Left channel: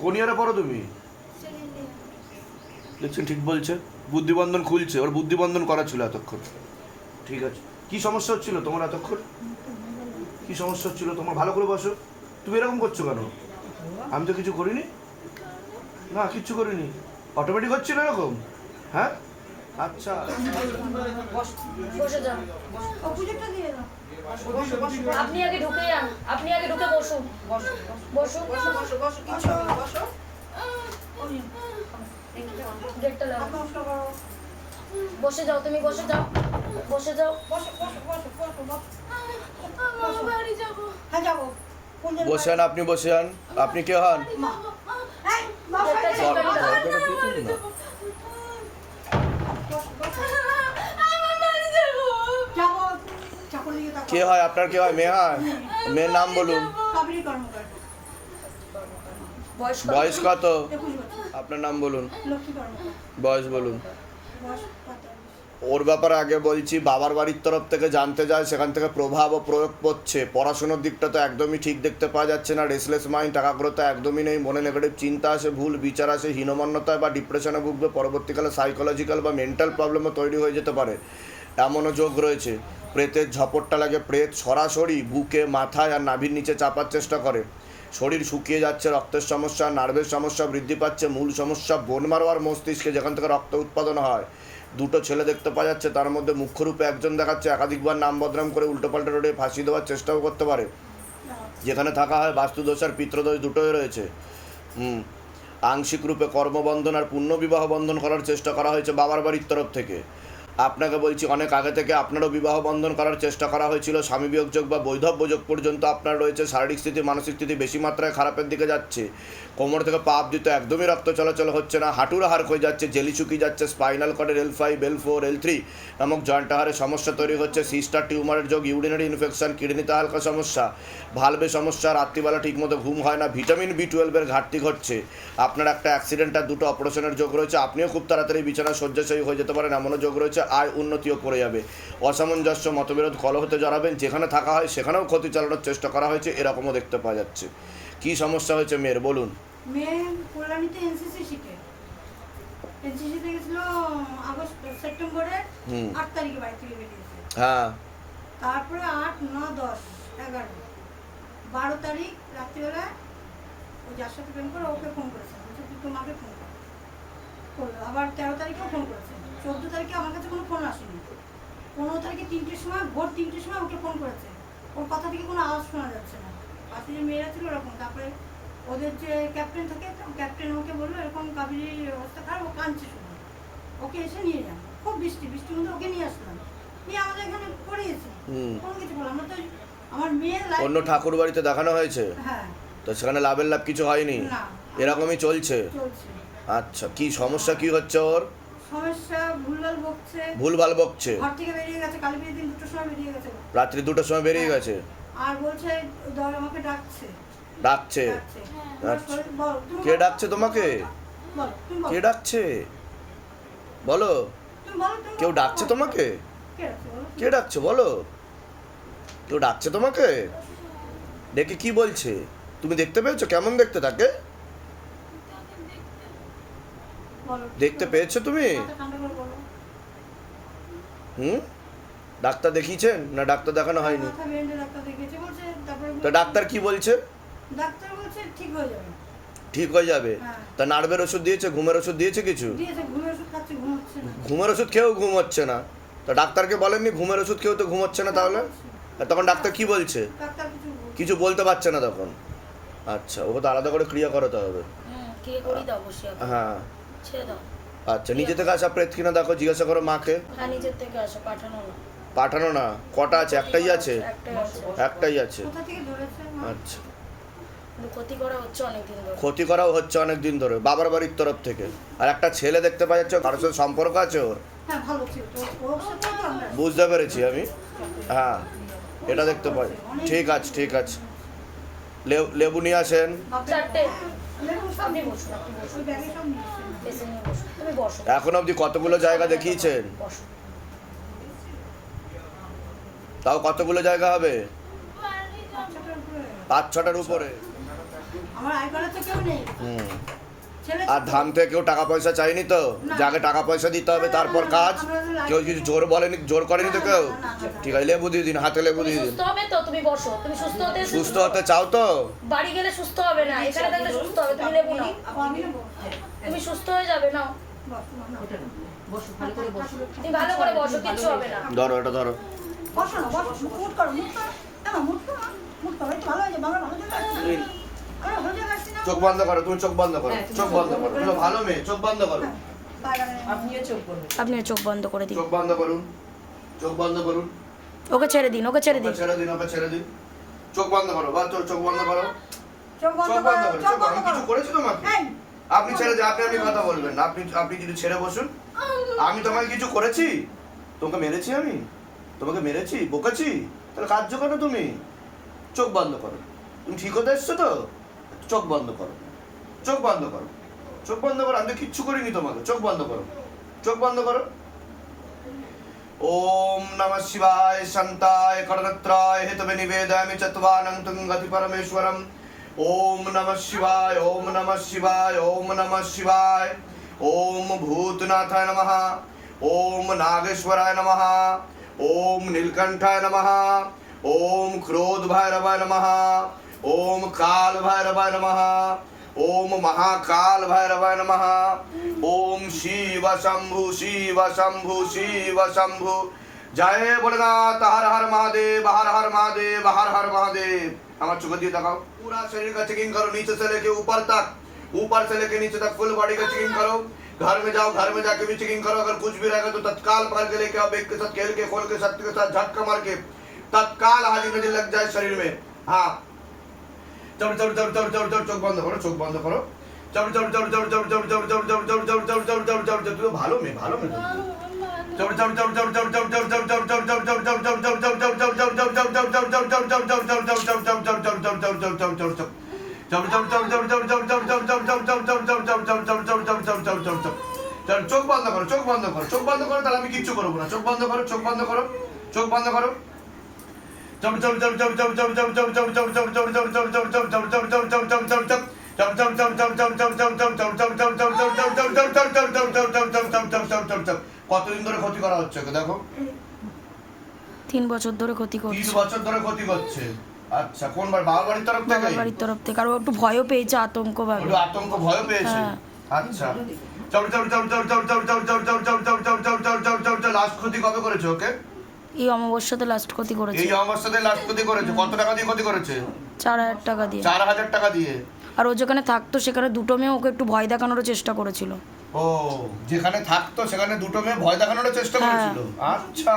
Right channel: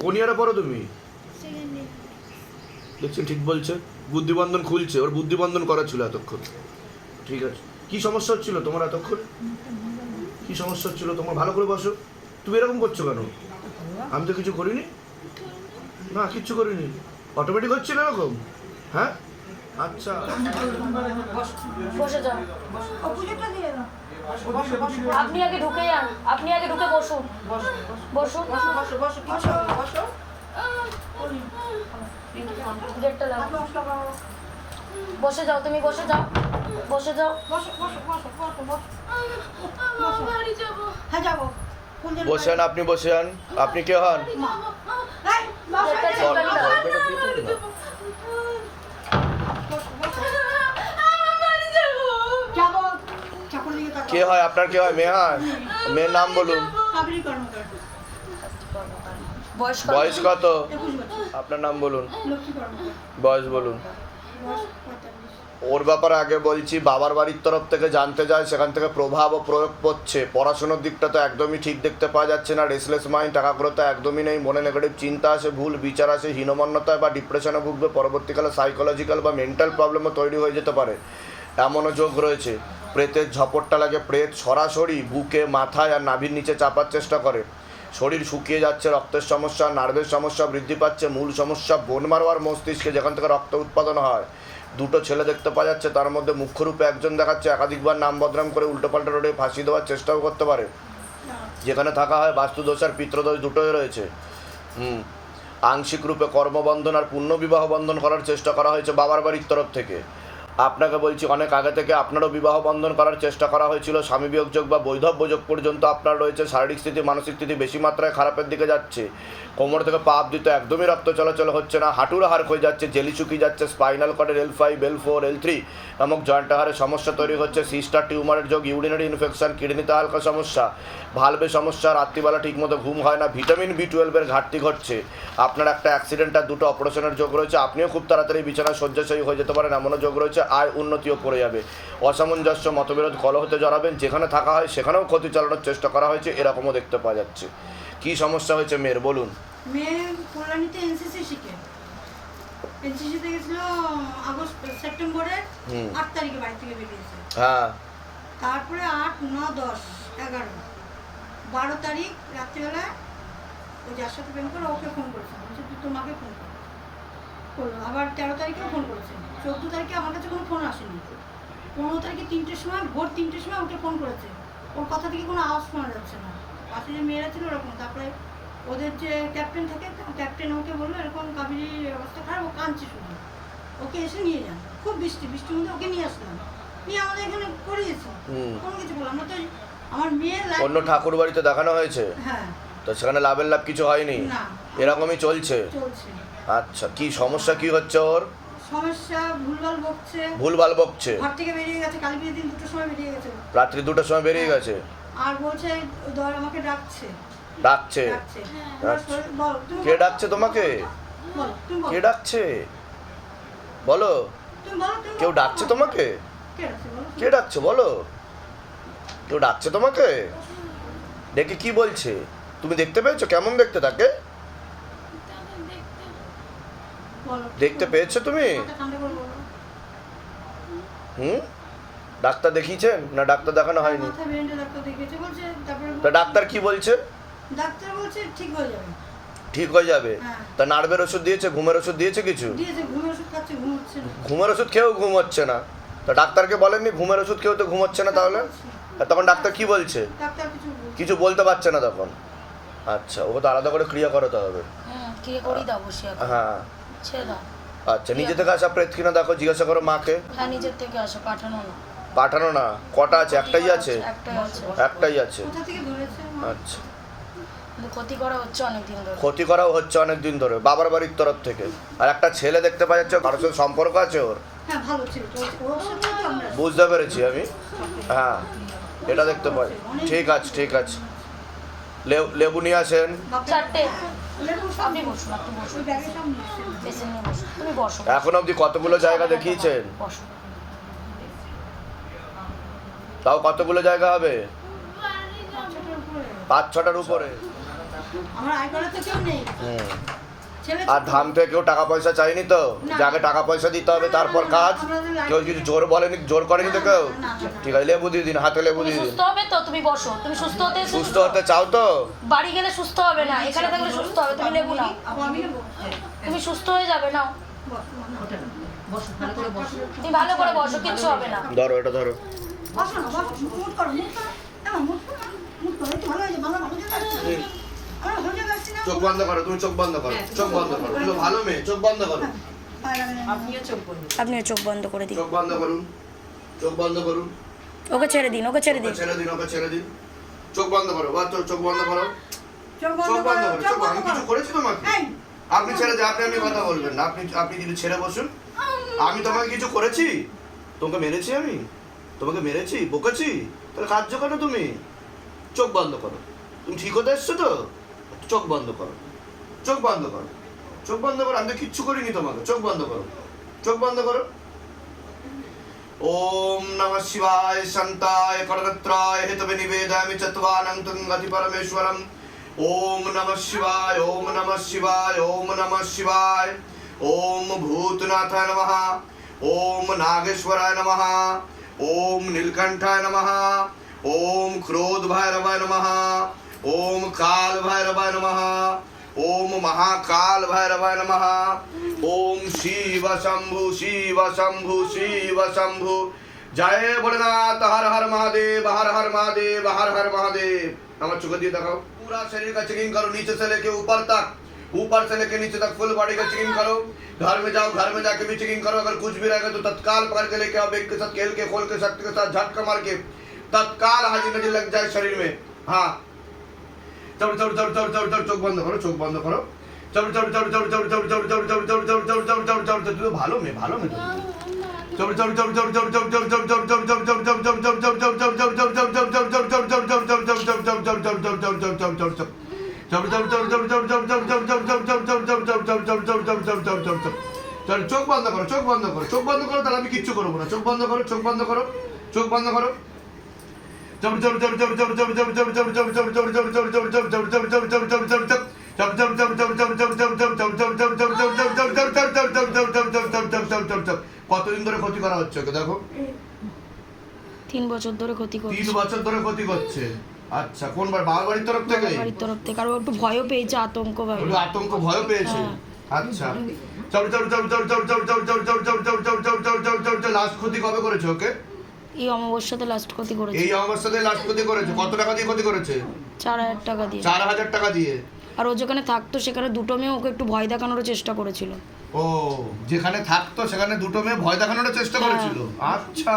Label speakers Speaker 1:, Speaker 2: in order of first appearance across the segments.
Speaker 1: কোন ইয়ারে পড়ো
Speaker 2: তুমি?
Speaker 1: দেখছেন, ঠিক বলছে। বুদ্ধিবন্ধন খুলছে, ওর বুদ্ধিবন্ধন করা ছিল এতক্ষণ। ঠিক আছে। কি সমস্যা হচ্ছিল তোমার এতক্ষণ? কি সমস্যা হচ্ছিল? তোমার ভালো করে বসো। তুমি এরকম করছ কেন? আমি তো কিছু করিনি। না, কিচ্ছু করিনি। অটোমেটিক হচ্ছিল এরকম? হ্যাঁ? আচ্ছা।
Speaker 3: আপনি আগে ঢুকে যান আপনি আগে ঢুকে বসুন। বসুন। গেটটা লাগো বসে যাও তুমি বসে যাও। বসে যাও।
Speaker 2: বসে যান আপনি বসে
Speaker 1: যান। আপনি কে হন? কে হয়? আপনার কে হয়? মেয়ে হয় মেয়ের নাম বলুন।
Speaker 3: বয়স কত?
Speaker 1: আপনার নাম বলুন। বয়স বলুন। ওর ব্যাপারে আগে বলছি বাবার বাড়ির তরফ থেকে জানতে যায় সেখান থেকে প্রভাব ও প্রয়োগ পড়ছে। পড়াশোনার দিকটা তো একদমই ঠিক দেখতে পাওয়া যাচ্ছে না। রেসলেস মাইন্ড টাকাগ্রতা একদমই নেই। মনে নেগেটিভ চিন্তা আসে ভুল বিচার আসে হীনমন্যতা বা ডিপ্রেশনে ভুগবে। পরবর্তীকালে সাইকোলজিক্যাল বা মেন্টাল প্রবলেমও তৈরি হয়ে যেতে পারে। এমনও যোগ রয়েছে। প্রেতের ঝপটটা লাগে। প্রেত সরাসরি বুকে, মাথায় আর নাভির নিচে চাপার চেষ্টা করে। শরীর শুকিয়ে যাচ্ছে, রক্তের সমস্যা, নার্ভের সমস্যা বৃদ্ধি পাচ্ছে, মূল সমস্যা বোন মারোয়ার মস্তিষ্কে যেখান থেকে রক্ত উৎপাদন হয়। দুটো ছেলে দেখতে পাওয়া যাচ্ছে, তার মধ্যে মুখ্যরূপে একজন দেখাচ্ছে, একাধিকবার নাম বদনাম করে উল্টোপাল্টা রোডে ফাঁসি দেওয়ার চেষ্টাও করতে পারে। যেখানে থাকা হয় বাস্তুদোষ আর পিত্রদোষ দুটোই রয়েছে। হুম, আংশিক রূপে কর্মবন্ধন আর পুণ্যবিবাহ বন্ধন করার চেষ্টা করা হয়েছে বাবার বাড়ির তরফ থেকে। আপনাকে বলছি, অনেক আগে থেকে আপনারও বিবাহ বন্ধন করার চেষ্টা করা হয়েছিল, স্বামী বিয়োগ যোগ বা বৈধব্য যোগ পর্যন্ত আপনার রয়েছে, শারীরিক স্থিতি, মানসিক স্থিতি বেশি মাত্রায় খারাপের দিকে যাচ্ছে। কোমর থেকে পাপ দিতে একদমই রক্ত চলাচল হচ্ছে না, হাঁটুর হার হয়ে যাচ্ছে, জেলি শুকিয়ে যাচ্ছে, spinal কর্ডের L five L four L three নামক জয়েন্ট হারে সমস্যা তৈরি হচ্ছে, সিস্টার টিউমারের যোগ, ইউরিনারি ইনফেকশন, কিডনিতে হালকা সমস্যা ভালবে সমস্যা, রাত্রিবেলা ঠিকমতো ঘুম হয় না, ভিটামিন বি টুয়েলভের ঘাটতি ঘটছে। আপনার একটা অ্যাক্সিডেন্ট আর দুটো অপারেশনের যোগ রয়েছে, আপনিও খুব তাড়াতাড়ি বিছানায় শয্যাশয়ী হয়ে যেতে পারেন, এমনও যোগ রয়েছে আয় উন্নতিও পড়ে যাবে। অসামঞ্জস্য মতবিরোধ কলহতে জড়াবেন যেখানে থাকা হয় সেখানেও ক্ষতি চালানোর চেষ্টা করা হয়েছে এরকমও দেখতে পাওয়া যাচ্ছে। কি সমস্যা হয়েছে মেয়ের বলুন।
Speaker 2: মেয়ে কল্যাণীতে এনসিসি শিখে। এনসিসিতে গেছিল আগস্ট সেপ্টেম্বরের
Speaker 1: হুম।
Speaker 2: আট তারিখে বাড়ি থেকে বেরিয়েছে।
Speaker 1: হ্যাঁ।
Speaker 2: তারপরে আট ন দশ এগারো। বারো তারিখ রাত্রিবেলায় ও যার সাথে প্রেম করে ওকে ফোন করেছে। তোমাকে ফোন করল। আবার তেরো তারিখেও ফোন করেছে। চোদ্দ তারিখে আমার কাছে কোনো ফোন আসেনি। পনেরো তারিখে তিনটের সময় ভোর তিনটের সময় ওকে ফোন করেছে। ওর কথা থেকে কোনো আওয়াজ শোনা যাচ্ছে না। পাশে যে মেয়েরা ছিল ওরকম। তারপরে ওদের যে ক্যাপ্টেন থাকে ক্যাপ্টেন ওকে বলল এরকম কাবেরি অবস্থা খারাপ ও কাঁদছে শুধু। ওকে এসে নিয়ে যান। খুব বৃষ্টি বৃষ্টির মধ্যে ওকে নিয়ে আসলাম। নিয়ে আমাদের এখানে করিয়েছি। কোনো কিছু বললাম না। তো আমার মেয়ের
Speaker 1: অন্য ঠাকুর বাড়িতে দেখানো হয়েছে?
Speaker 2: হ্যাঁ।
Speaker 1: তো সেখানে লাভের লাভ কিছু হয়নি?
Speaker 2: না।
Speaker 1: এরকমই চলছে?
Speaker 2: চলছে।
Speaker 1: আচ্ছা কি সমস্যা কি হচ্ছে ওর?
Speaker 2: সমস্যা ভুলভাল বকছে।
Speaker 1: ভুলভাল বকছে?
Speaker 2: ঘর থেকে বেরিয়ে গেছে কালী বিয়ের দিন দুটোর সময় বেরিয়ে গেছে
Speaker 1: রাত্রি দুটোর সময় বেরিয়ে গেছে?
Speaker 2: আর বলছে দর আমাকে ডাকছে।
Speaker 1: ডাকছে?
Speaker 4: হ্যাঁ।
Speaker 1: কে ডাকছে তোমাকে? কে ডাকছে? বলো। কেউ ডাকছে তোমাকে?
Speaker 2: কে ডাকছে বলো?
Speaker 1: কে ডাকছে বলো। কেউ ডাকছে তোমাকে? ডেকে কি বলছে। তুমি দেখতে পেয়েছ? কেমন দেখতে তাকে
Speaker 4: দেখতে
Speaker 2: বলো।
Speaker 1: দেখতে পেয়েছ তুমি। হুম? ডাক্তার দেখিয়েছেন? না ডাক্তার দেখানো হয়নি?
Speaker 2: ডাক্তার দেখিয়েছে বলছে তারপরে
Speaker 1: তা ডাক্তার কি বলছে?
Speaker 2: ডাক্তার বলছে ঠিক হয়ে যাবে।
Speaker 1: ঠিক হয়ে যাবে?
Speaker 2: হ্যাঁ।
Speaker 1: তা নার্ভের ওষুধ দিয়েছে ঘুমের ওষুধ দিয়েছে কিছু?
Speaker 2: ঘুমের ওষুধ খাচ্ছে ঘুম হচ্ছে না।
Speaker 1: ঘুমের ওষুধ খেয়েও ঘুম হচ্ছে না। তা ডাক্তারকে বলেননি ঘুমের ওষুধ খেয়েও তো ঘুম হচ্ছে না তাহলে? তখন ডাক্তার কি বলছে?
Speaker 2: কিছু বলছে
Speaker 1: কিছু বলতে পারছে না তখন। আচ্ছা ওকে তো আলাদা করে ক্রিয়া করাতে হবে।
Speaker 3: হ্যাঁ। ছেড়ে।
Speaker 1: আচ্ছা নিজে থেকে আসা প্রেত কিনা দেখো জিজ্ঞাসা করো মাকে।
Speaker 3: হ্যাঁ নিজের থেকে আসো পাঠানো না।
Speaker 1: পাঠানো না? কটা আছে? একটাই আছে?
Speaker 3: একটাই আছে?
Speaker 1: আচ্ছা।
Speaker 3: ক্ষতি করা হচ্ছে অনেক দিন ধরে।
Speaker 1: ক্ষতি করাও হচ্ছে অনেক দিন ধরে বাবার বাড়ির তরফ থেকে। আর একটা ছেলে দেখতে পাওয়া যাচ্ছে কারোর সাথে সম্পর্ক আছে ওর?
Speaker 2: হ্যাঁ
Speaker 1: বুঝতে পেরেছি আমি। হ্যাঁ এটা দেখতে পাই। ঠিক আছে ঠিক আছে। লেবু- লেবু নিয়ে আসেন।
Speaker 3: চারটে।
Speaker 1: এখন অবধি কতগুলো জায়গা দেখিয়েছেন? তাও কতগুলো জায়গা হবে? পাঁচ ছটার উপরে।
Speaker 2: আমার আইকনে তো কেউ নেই।
Speaker 1: হুম। আর ধাম থেকে কেউ টাকা পয়সা চাইনি তো? যাকে টাকা পয়সা দিতে হবে তারপর কাজ? কেউ কিছু জোর বলেনি জোর করেনি তো কেউ? ঠিক আছে লেবু দিয়ে দিন হাতে লেবু দিয়ে দিন।
Speaker 3: সুস্থ হবে তো তুমি বসো। তুমি সুস্থ হতে
Speaker 1: সুস্থ হতে চাও তো?
Speaker 3: বাড়ি গেলে সুস্থ হবে না এখানে থাকলে সুস্থ হবে তুমি লেবু নাও। তুমি সুস্থ হয়ে যাবে নাও। তুমি ভালো করে বসো কিচ্ছু হবে না।
Speaker 1: ধরো এটা ধরো।
Speaker 2: বসো না বসো মুট করো মুট করো। মুট করো মুট করো ভালো হয়ে যাবে ভালো
Speaker 1: চোখ বন্ধ করো তুমি চোখ বন্ধ করো চোখ বন্ধ করো তুমি ভালো মেয়ে চোখ বন্ধ করো
Speaker 2: হ্যাঁ।
Speaker 3: আপনিও চোখ বন্ধ করে দিন
Speaker 1: চোখ বন্ধ করুন চোখ বন্ধ করুন
Speaker 3: ওকে ছেড়ে দিন ওকে ছেড়ে দিন
Speaker 1: ছেড়ে দিন ওকে ছেড়ে দিন চোখ বন্ধ করো বা চোখ চোখ বন্ধ করো
Speaker 2: চোখ বন্ধ করো
Speaker 1: করো
Speaker 2: চোখ বন্ধ
Speaker 1: আমি কিছু
Speaker 2: করো
Speaker 1: করেছি তোমাকে আপনি ছেড়ে দিন আপনি আপনি কথা বলবেন আপনি আপনি যদি ছেড়ে বসুন আমি তোমাকে কিছু করেছি তোমাকে মেরেছি আমি তোমাকে মেরেছি বকেছি তাহলে কার্য কেন তুমি চোখ বন্ধ করো তুমি ঠিক হতে এসছো তো চোখ বন্ধ করো। চোখ বন্ধ করো। চোখ বন্ধ করো, আমি কিচ্ছু করিনি তোমাকে। চোখ বন্ধ করো। চোখ বন্ধ করো। ওম নমঃ শিবায় শান্তায় করণত্রায় হেতবে নিবেদয়ামি চত্বানন্तं গতি পরমেশ্বরম। ওম নমঃ শিবায়, ওম নমঃ শিবায়, ওম নমঃ শিবায়। ওম ভূতনাথায় নমঃ। ওম নাগেশ্বরায় নমঃ। ওম নীলকণ্ঠায় নমঃ। ওম ক্রোধ ভৈরবায় নমঃ। ओम काल भैरव नमः। ओम महाकाल भैरव नमः। ओम शिव शंभु शिव शंभु शिव शंभु। जय भोलेनाथ, हर हर महादेव, हर हर महादेव, हर हर महादेव। हमारे चुक दिए दिखाओ। पूरा शरीर का चेकिंग करो, नीचे से लेके ऊपर तक। ऊपर से लेके नीचे तक फुल बॉडी का चेकिंग करो। घर में जाओ, घर में जाके भी चेकिंग करो। अगर कुछ भी रहेगा तो तत्काल पकड़ के लेके आओ एक के साथ, खेल के, खोल के सत्य के साथ झटका मार के। तत्काल हाजी हाजिर लग जाए शरीर में। हाँ চবড়ে চবড়ে চবড়ে চবড়ে চবড়ে চবড়ে চোখ বন্ধ করো চোখ বন্ধ করো চবড়ে চবড়ে চবড়ে চবড়ে চবড়ে চবড়ে চবড়ে চবড়ে চবড়ে চবড়ে চবড়ে চবড়ে চবড়ে চবড়ে ভালো মেয়ে ভালো মেয়ে চবড়ে চবড়ে চবড়ে চবড়ে চবড়ে চবড়ে চবড়ে চবড়ে চবড়ে চবড়ে চবড়ে চোখ বন্ধ করো চোখ বন্ধ করো চোখ বন্ধ করো তাহলে আমি কিচ্ছু করব না চোখ বন্ধ করো চোখ বন্ধ করো চোখ বন্ধ করো কতদিন ধরে ক্ষতি করা হচ্ছে দেখো
Speaker 3: তিন বছর ধরে ক্ষতি করছে তিন
Speaker 1: বছর ধরে ক্ষতি করছে আচ্ছা কোন বার বাবার বাড়ির তরফ থেকে
Speaker 3: বাড়ির তরফ থেকে আর একটু ভয়ও পেয়েছে আতঙ্ক ভাবে
Speaker 1: একটু আতঙ্ক ভয় পেয়েছে আচ্ছা লাস্ট ক্ষতি কবে করেছে ওকে
Speaker 3: এই অমাবস্যাতে লাস্ট ক্ষতি করেছে।
Speaker 1: এই অবস্থাতে লাস্ট ক্ষতি করেছে? কত টাকা দিয়ে ক্ষতি করেছে?
Speaker 3: চার হাজার টাকা দিয়ে।
Speaker 1: চার হাজার টাকা দিয়ে?
Speaker 3: আর ও যেখানে থাকতো সেখানে দুটো মেয়ে ওকে একটু ভয় দেখানোর চেষ্টা করেছিল।
Speaker 1: ও যেখানে থাকতো সেখানে দুটো মেয়ে ভয় দেখানোর চেষ্টা
Speaker 3: হ্যাঁ।
Speaker 1: করেছিল? আচ্ছা।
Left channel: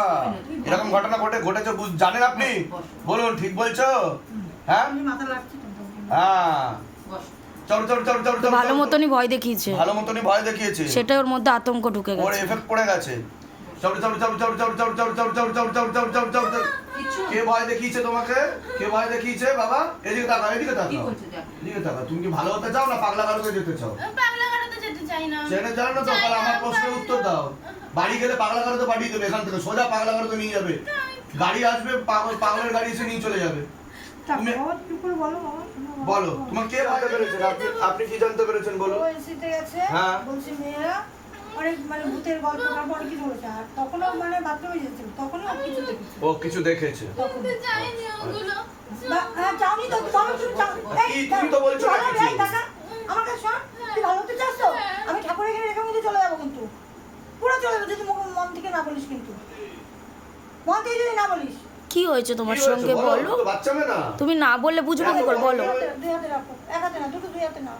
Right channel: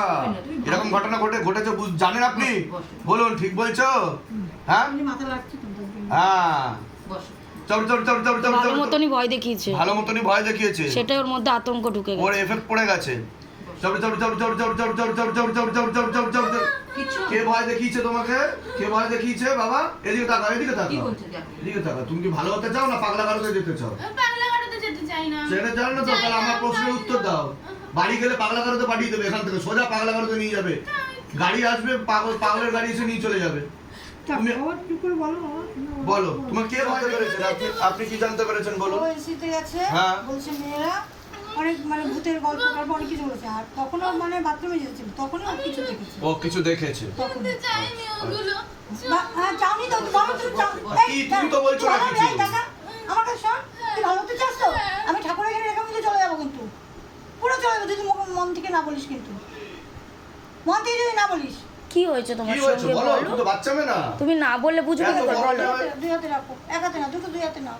Speaker 1: এরকম ঘটনা ঘটে ঘটেছে জানেন আপনি? বলুন ঠিক বলছো? হ্যাঁ? হ্যাঁ।
Speaker 3: ভালো মতনই ভয় দেখিয়েছে।
Speaker 1: ভালো মতনই ভয় দেখিয়েছে।
Speaker 3: সেটা ওর মধ্যে আতঙ্ক ঢুকে গেছে।
Speaker 1: ওর এফেক্ট পড়ে গেছে। চল চল চল চল চল চল চল চল চল চল চল চল চল চল চল কে ভয় দেখিয়েছে তোমাকে কে ভয় দেখিয়েছে বাবা এদিকে তাকাও এদিকে তাকাও এদিকে তাকাও তুমি কি ভালো হতে চাও না পাগলা গারোতে যেতে চাও
Speaker 4: পাগলা গাড়াতে যেতে চাই না
Speaker 1: জেনে জানো না তো তাহলে আমার প্রশ্নের উত্তর দাও বাড়ি গেলে পাগলা গারোতে পাঠিয়ে দেবে এখান থেকে সোজা পাগলা গারোতে নিয়ে যাবে গাড়ি আসবে পাগল পাগলের গাড়ি এসে নিয়ে চলে যাবে তুমি
Speaker 2: বলো বাবা
Speaker 1: বলো তোমার কে ভয় পেরেছেন আপনি আপনি কি জানতে পেরেছেন
Speaker 2: বলো
Speaker 1: হ্যাঁ।
Speaker 2: বলছে মেয়েরা অনেক মানে ভূতের গল্প তারপর অনেক কিছু বলেছে। আর তখনও মানে বাথরুমে যেতেছিল তখনও কিছু দেখেছে।
Speaker 1: ও কিছু দেখেছে?
Speaker 2: তখন হ্যাঁ, যাওনি তো বলো তুমি
Speaker 1: তো বলছো না কিছু।
Speaker 2: আমার কাছে শোন তুই ভালো হতে চাস তো। আমি ঠাকুরের এখানে রেখে মধ্যে চলে যাব কিন্তু। পুরো চলে যাব যদি মুখ- মন থেকে না বলিস কিন্তু। মন থেকে যদি না বলিস।
Speaker 3: কি হয়েছে তোমার সঙ্গে
Speaker 1: বলো তুমি তো বাচ্চা মেয়ে না।
Speaker 3: বললে বুঝবে কি করে? বলো।
Speaker 2: দুই হাতে- দুই হাতে রাখো এক হাতে না দুটো দুই হাতে নাও।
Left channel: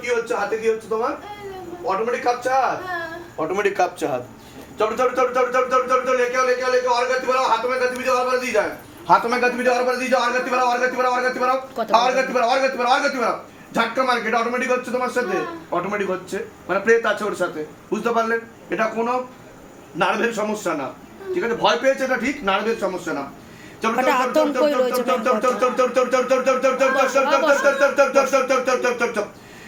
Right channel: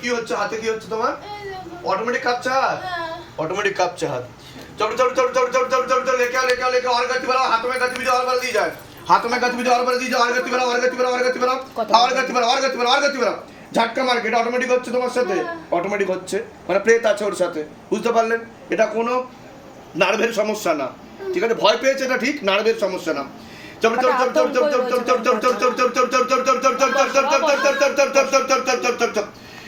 Speaker 1: কি
Speaker 5: হচ্ছে
Speaker 2: হাতে
Speaker 1: কি হচ্ছে তোমার অটোমেটিক কাঁপছে হাত অটোমেটিক কাঁপছে হাত चलो चलो चलो चलो चलो चलो चलो चलो लेके आओ लेके आओ लेके और गति बढ़ाओ हाथों में गति भी और बढ़ दी जाए हाथों में गति भी और बढ़ दी जाए और गति बढ़ाओ और गति बढ़ाओ और गति बढ़ाओ और गति बढ़ाओ और गति बढ़ाओ और गति बढ़ाओ ঝাটকা মার্কেট অটোমেটিক হচ্ছে তোমার সাথে অটোমেটিক হচ্ছে মানে প্রেত আছে ওর সাথে বুঝতে পারলেন এটা কোনো নার্ভের সমস্যা না ঠিক আছে ভয় পেয়েছে এটা ঠিক নার্ভের সমস্যা না চলো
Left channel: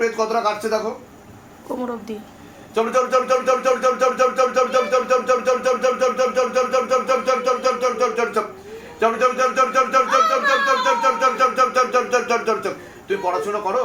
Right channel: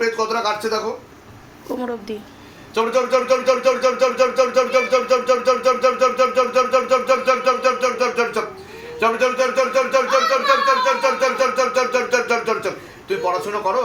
Speaker 1: পেট কতটা কাটছে দেখো
Speaker 3: কোমর
Speaker 1: অবধি তুই পড়াশোনা করো।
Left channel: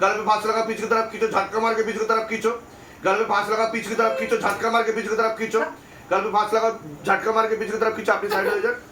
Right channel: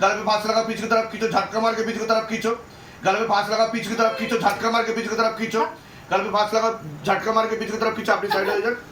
Speaker 1: गले में फांस लगा पीछे की तरफ खींचो झटका मार के पीछे की तरफ खींचो गले में फांस लगा पीछे की तरफ खींचो झटका मार के पीछे की तरफ खींचो गले में फांस लगा झटका मार के पीछे की तरफ खींचो अपनी साइड हो जाए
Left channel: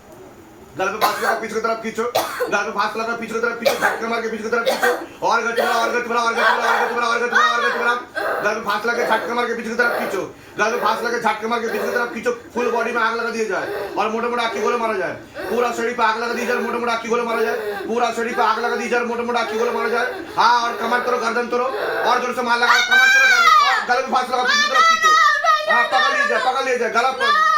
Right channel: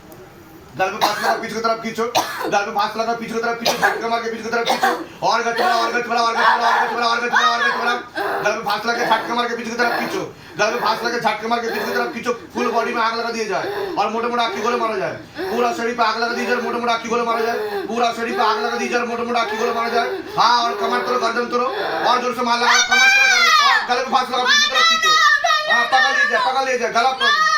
Speaker 1: घर पे पांच लाख पीछे की तरफ खींचो घर पे पांच लाख पीछे की तरफ खींचो झटके मार के पीछे की तरफ खींचो और गति बढ़ाओ और गति बढ़ाओ और गति बढ़ाओ और गति बढ़ाओ और गति बढ़ाओ घर पे पांच लाख झटके मार के पीछे की तरफ खींचो घर पे पांच लाख झटके मार के पीछे की तरफ खींचो फुल बॉडी में आग लगा दिया जाए और मोटे मोटे आखी गोले मारा जाए पूरा शरीर पे आग लगा दी जाए मोटे मोटे आखी गोले मारा जाए पूरा शरीर पे आग लगा दी जाए मोटे मोटे आखी गोले मारा जाए हाँ और कमर तोड़ो गर्दन तोड़ो और जोर से मार लगा कमर तोड़ो गले पे पांच लाख पीछे की तरफ खींचो हाँ पकड़ लीजिए पकड़ लीजिए गला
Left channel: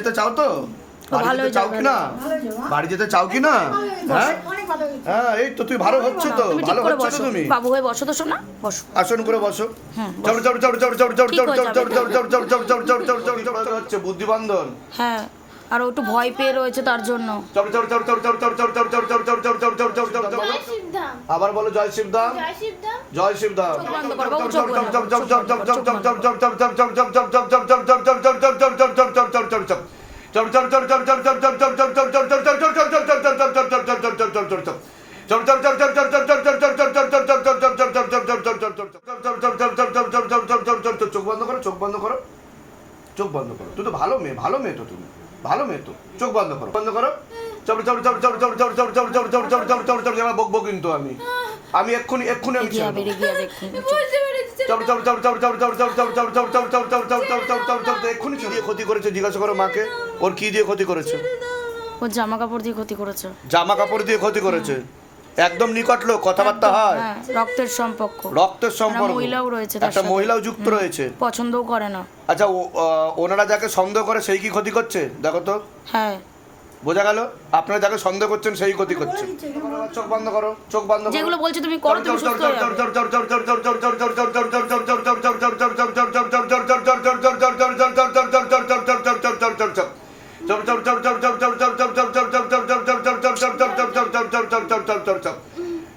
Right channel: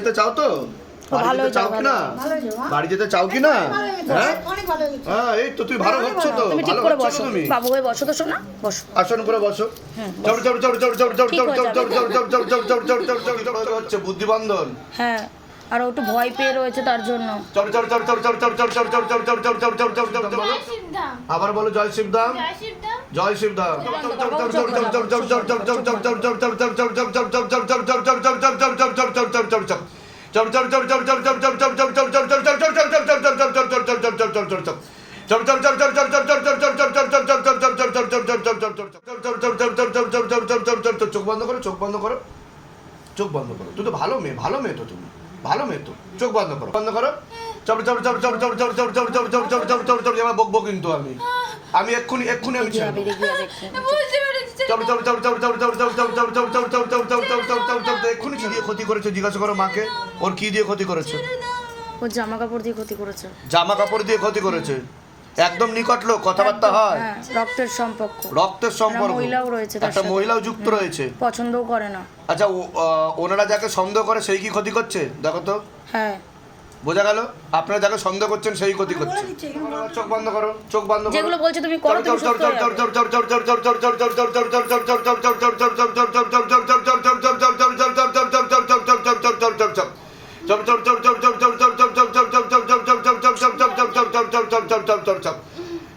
Speaker 1: যেতে চাও তো যেতে চাও কি না
Speaker 2: ভালো
Speaker 1: বাড়ি যেতে চাও কি না হ্যাঁ
Speaker 2: ভালো
Speaker 1: হ্যাঁ এই তো তুই ভালো হচ্ছে তো
Speaker 3: তুমি ঠিক করে বসো বাবু হয়ে বসো তো শোনা বসো
Speaker 1: আসন করে বসো
Speaker 3: হুম,
Speaker 1: চলো চলো চলো চলো চলো চলো
Speaker 3: ঠিক
Speaker 1: চলো
Speaker 3: হয়ে
Speaker 1: চলো
Speaker 3: যাবে।
Speaker 1: চলো চলো চলো চলো চলো চলো চলো চলো চলো হচ্ছে বুদ্ধিবন্ধন
Speaker 3: হ্যাঁ আর ও একটু ভয় পেয়ে রয়েছে তার জন্য
Speaker 1: চলো চলো চলো চলো চলো চলো চলো চলো চলো চলো চলো চলো চলো চলো চলো চলো
Speaker 4: জয় শিবধাম
Speaker 1: আবার বলো জয় শিবধাম
Speaker 4: জয় শিবধাম
Speaker 1: জয় শিবধাম চোখ বন্ধ করো চোখ বন্ধ করো চোখ বন্ধ করো তুই তো ভালো মেয়ে ভালো মেয়ে তো তুমি ভালো মেয়ে তো চোখ বন্ধ করো বন্ধ করো চল চল চল চল চল চল চল চল চল চল চল চল চল চল এবার বকবো কিন্তু আমি আমি এক্ষুনি এক্ষুনি আমি চল চল চল চল চল চল চল চল চল চল চল চল চল চল চল চল চল চল এক্ষুনি কি দিয়ে ক্ষতি করেছে জিজ্ঞাসা করো মাকে ওর কি দিয়ে ক্ষতি করেছে
Speaker 3: ওর জামা কাপড় দিয়ে ক্ষতি করেছে
Speaker 1: জামা কাপড় দিয়ে ক্ষতি করেছে একদম নিকট লোক কথাবার্তা হয়
Speaker 3: হ্যাঁ রক্তের সম্পর্ক
Speaker 1: রক্তের সম্পর্ক
Speaker 3: মহিলাও রয়েছে
Speaker 1: একটা মহিলাও যুক্ত রয়েছে
Speaker 3: পছন্দও করে না
Speaker 1: আচ্ছা আহ, ওনারা যাকে সন্দেহ করে সেই কি ক্ষতি করছে দেখো তো
Speaker 3: হ্যাঁ
Speaker 1: বোঝা গেল? আপনারা যাকে সন্দেহ করছেন সেই ক্ষতি
Speaker 2: করছেন।
Speaker 1: চোখ বন্ধ করো চোখ বন্ধ করো।
Speaker 3: যেগুলো বলছো তুমি করো তুমি সুস্থ হয়ে যাবে।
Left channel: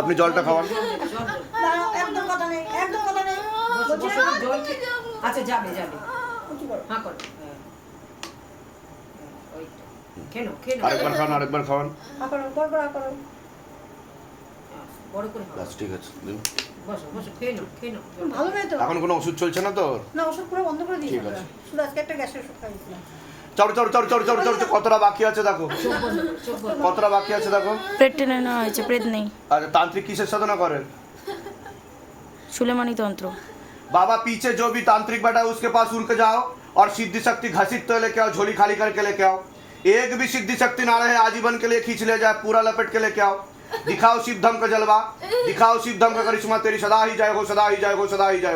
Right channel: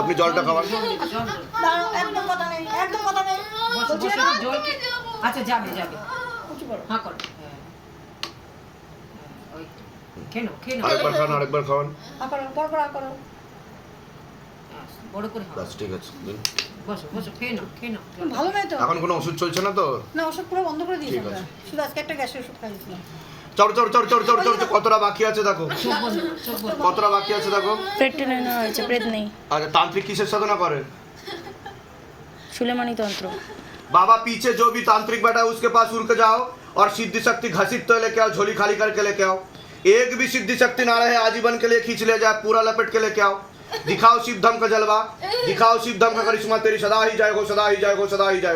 Speaker 1: আপনি জলটা খাওয়ান।
Speaker 2: একদম কথা নেই একদম কথা নেই।
Speaker 5: আচ্ছা যাবে যাবে। হ্যাঁ করো। হ্যাঁ। হ্যাঁ, ওই তো। খেয়ে নাও খেয়ে নাও।
Speaker 1: আরেকবার খাওয়ান আরেকবার খাওয়ান।
Speaker 2: আ পর পর আ
Speaker 5: বড় করে
Speaker 1: বাস ঠিক আছে
Speaker 5: বসো বসো খেয়ে নাও খেয়ে নাও।
Speaker 2: ভালো মেয়ে তো?
Speaker 1: এখন কোনো ওষুধ চলছে না তো?
Speaker 2: না ওষুধ পুরো বন্ধ করে দিয়েছি শুধু আজকে একটা গ্যাসের ওষুধ খাইয়েছিলাম।
Speaker 1: চল চল চল চল চল চল চল, কতটা বাকি আছে দেখো
Speaker 5: চোখ বন্ধ করো, চোখ বন্ধ করো।
Speaker 1: কতটা বাকি আছে দেখো
Speaker 3: পেট টেনে নেওয়া হয়েছে প্রেত নেই
Speaker 1: আচ্ছা तांत्रिक किसे साधना करे
Speaker 3: সুলেমানি তন্ত্র
Speaker 1: बाबा पीछे जो भी तांत्रिक बैठा है उसके पास उड़ के जाओ और सिद्धि शक्ति घसीट तो लेके आओ झोली खाली करके लेके आओ एक भी सिद्धि शक्ति ना रहे आजीवन के लिए खींच ले जाए पूरा लपेट के लेके आओ दिखाओ शिव धम का जलवा दिखाओ शिव धम का करिश्मा तेरी सदा ही जय हो सदा ही जय हो सदा ही जय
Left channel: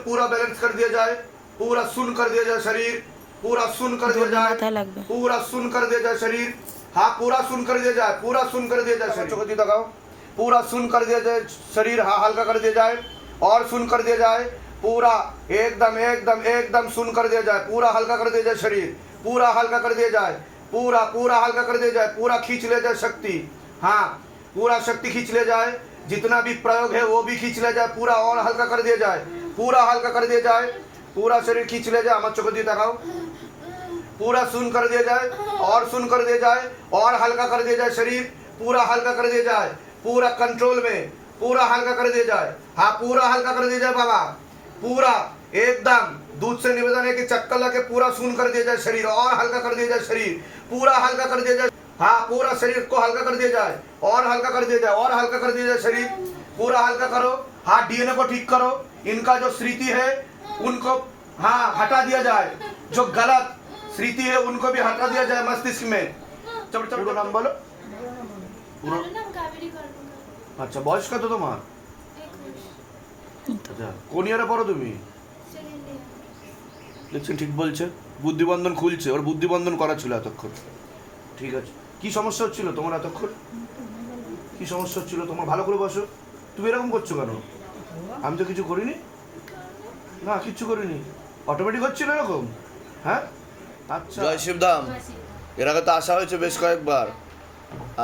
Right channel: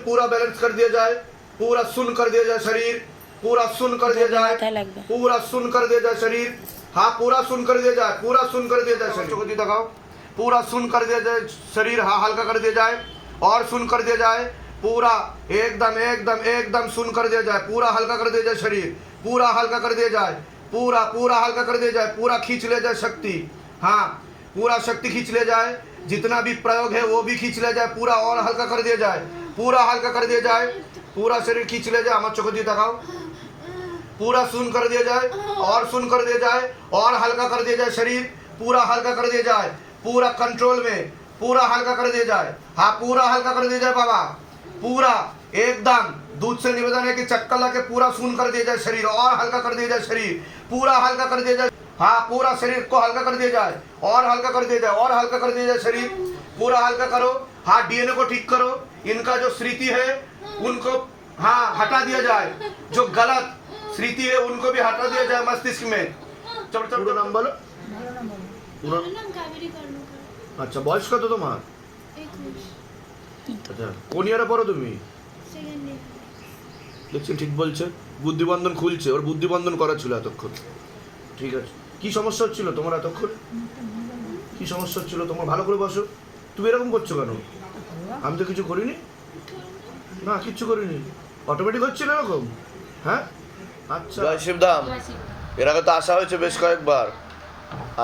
Speaker 1: पूरा बैलेंस कर दिया जाए पूरा सुन कर दिया जाए शरीर पूरा सुन कर दिया जाए पूरा सुन कर दिया जाए शरीर हाँ पूरा सुन कर दिया जाए पूरा सुन कर दिया जाए शरीर को दिखाओ पूरा सुन कर दिया जाए शरीर हाँ हल्का कर दिया जाए और सुन कर दिया जाए पूरा एकदम एकदम एकदम सुन कर दिया जाए पूरा हल्का कर दिया जाए शरीर पूरा हल्का कर दिया जाए पूरा पूरा हल्का कर दिया जाए पूरा खींच लिया जाए शक्ति हाँ पूरा शक्ति खींच ले जाए जितना भी प्रयोग है वो भी खींच लिया जाए पूरा और हल्का कर दिया जाए पूरा हल्का कर दिया जाए पूरा शरीर खींच ले जाए हमारे चोको दी दिखाओ पूरा सुन कर दिया जाए और सुन कर दिया जाए और हल्का कर दिया जाए शरीर पूरा हल्का कर दिया जाए पूरा कंट्रोल में पूरा हल्का कर दिया जाए हाँ पूरा हल्का कर दिया जाए बाबा पूरा एकदम दूध से निवेदन है कि चक्कर लगे पूरा सुन कर दिया जाए शरीर और हल्का कर दिया जाए शरीर पूरा हल्का कर दिया जाए हाँ पूरा शरीर को हल्का कर दिया जाए और हल्का कर दिया जाए और हल्का कर दिया जाए शरीर पूरा हल्का करो हाँ डीएनए को ठीक करो इनका जो स्मृति है उनको हाँ हटा दिया जाए जो गलत स्मृति है उनको भी हटा दिया जाए मस्तिष्क में चलो चलो पूरा नाम बोलो পুরো
Speaker 4: আমার নাম কাবেরী কর্মকার
Speaker 1: আচ্ছা বয়স কত তোমার
Speaker 4: একুশ
Speaker 1: আচ্ছা কোন ইয়ারে পড়ো তুমি
Speaker 4: সেকেন্ড ইয়ার
Speaker 1: দেখছেন ঠিক বলছে বুদ্ধিবন্ধন খুলছে ওর বুদ্ধিবন্ধন করা ছিল এতক্ষণ ঠিক আছে কি সমস্যা হচ্ছিল তোমার এতক্ষণ? কি সমস্যা হচ্ছিল? তোমার ভালো করে বসো। তুমি এরকম করছ কেন? আমি তো কিছু করিনি। না কিচ্ছু করিনি। অটোমেটিক হচ্ছিল এরকম? হ্যাঁ? আচ্ছা। জয় শিবধাম। এর আগে তো আসা হয়েছে বেশ কয়েকবার।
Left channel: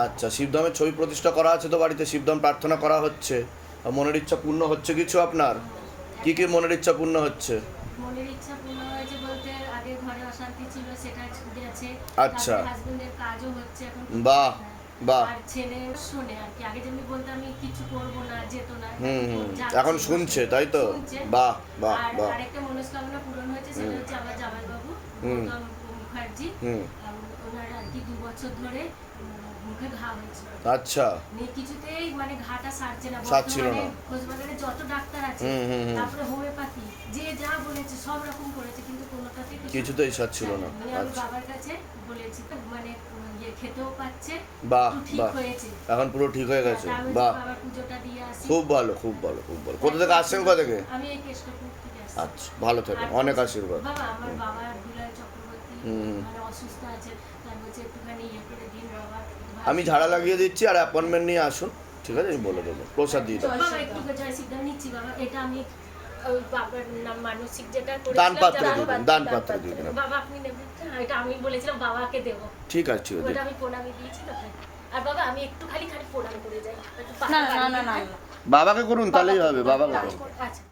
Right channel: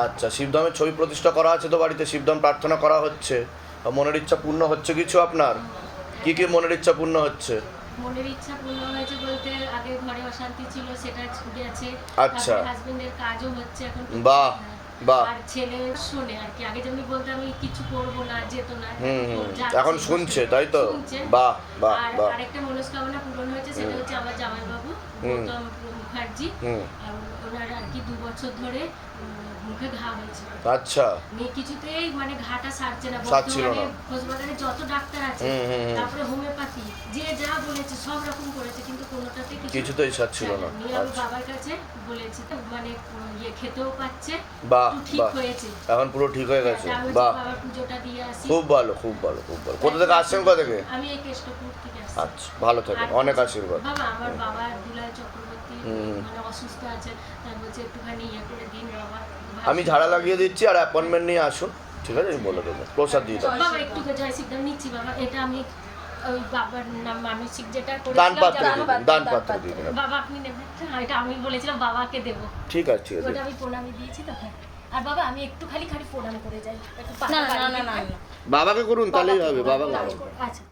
Speaker 1: আচ্ছা শিবধামের ছবি প্রতিষ্ঠা করা আছে তো বাড়িতে? শিবধাম প্রার্থনা করা হচ্ছে। আর মনের ইচ্ছা পূর্ণ হচ্ছে কিছু আপনার? কি কি মনের ইচ্ছা পূর্ণ হচ্ছে?
Speaker 6: মনের ইচ্ছা পূর্ণ হয়েছে বলতে আগে ঘরে অশান্তি ছিল সেটা ছুটে আছে
Speaker 1: আচ্ছা।
Speaker 6: হাজবেন্ডের কাজও হচ্ছে এখন
Speaker 1: বাহ। বাহ।
Speaker 6: আর ছেলে শোনে আর কি আগে যেমনি বলতে আমি কিছু করব না যেত না। এখন
Speaker 1: শুনছে, তাই তো?
Speaker 6: শুনছে।
Speaker 1: বাহ, বাহ,
Speaker 6: আর
Speaker 1: বাহ।
Speaker 6: আরেকটা মনস্কামনা পূরণ হয়েছে সেটা হচ্ছে আমার জামাইবাবু। গৌতম মুখার্জি
Speaker 1: হুম
Speaker 6: ওনার আর কি দু বছর ধরে মুখে ঘা হয়েছিল।
Speaker 1: আচ্ছা।
Speaker 6: মেয়ে কিছুতেই মানে ঘাটা সারছে না
Speaker 1: সারছিল না।
Speaker 6: বর্তমানে যত ডাক্তার আছে
Speaker 1: হুম, হুম, হুম।
Speaker 6: তারপরে হোমিওপ্যাথি যে যা বলেছে সব রকম করেছে কিন্তু কোনোটাতে
Speaker 1: কিছুতেই সারছিল না।
Speaker 6: আমি
Speaker 1: আচ্ছা।
Speaker 6: বাবার কাছে বলেছি মানে ইয়ে খেতেও পাচ্ছে
Speaker 1: বাহ,
Speaker 6: ঠিক হয়েছে।
Speaker 1: এখন পুরো ঠিক হয়ে গেছে।
Speaker 6: তার
Speaker 1: বাহ।
Speaker 6: পুজোটা দিয়ে আসি।
Speaker 1: খুব ভালো খুব ভালো খুব ভালো। কোথা থেকে আসছেন কোথা থেকে?
Speaker 6: আমি এই কেষ্টপুর থেকে আসছি।
Speaker 1: আচ্ছা ভালো
Speaker 6: আর
Speaker 1: অনেক আশীর্বাদ।
Speaker 6: বাবা আমার বাবা দুলাল চক্রবর্তী মানে অসুস্থ আছে তাই বলছে একটুখানি ইয়ে করে দিন বাবা।
Speaker 1: আমি ঝাড়া লাগিয়ে দিচ্ছি আর অ্যাপয়েন্টমেন্ট নিয়ে আসুন। ঠিক আছে? আমি বলে দেবো। প্রসাদ দিয়ে দেবো দান দিয়ে দান পাত্রে দিয়ে
Speaker 6: বাবা আপনি হ্যাঁ, এটা আমি বলেছিলাম বাবাকে দেবো।
Speaker 1: ঠিক আছে ঠিক আছে।
Speaker 6: আমি প্রণামী দিয়েছি তো হ্যাঁ। আর বাবা আমি একটু খালি খালি প্রণাম করে যাই।
Speaker 3: না না না না না
Speaker 6: দিয়ে-
Speaker 3: না।
Speaker 1: বাবাকে করুন তাহলেই হবে বাবা
Speaker 6: আচ্ছা।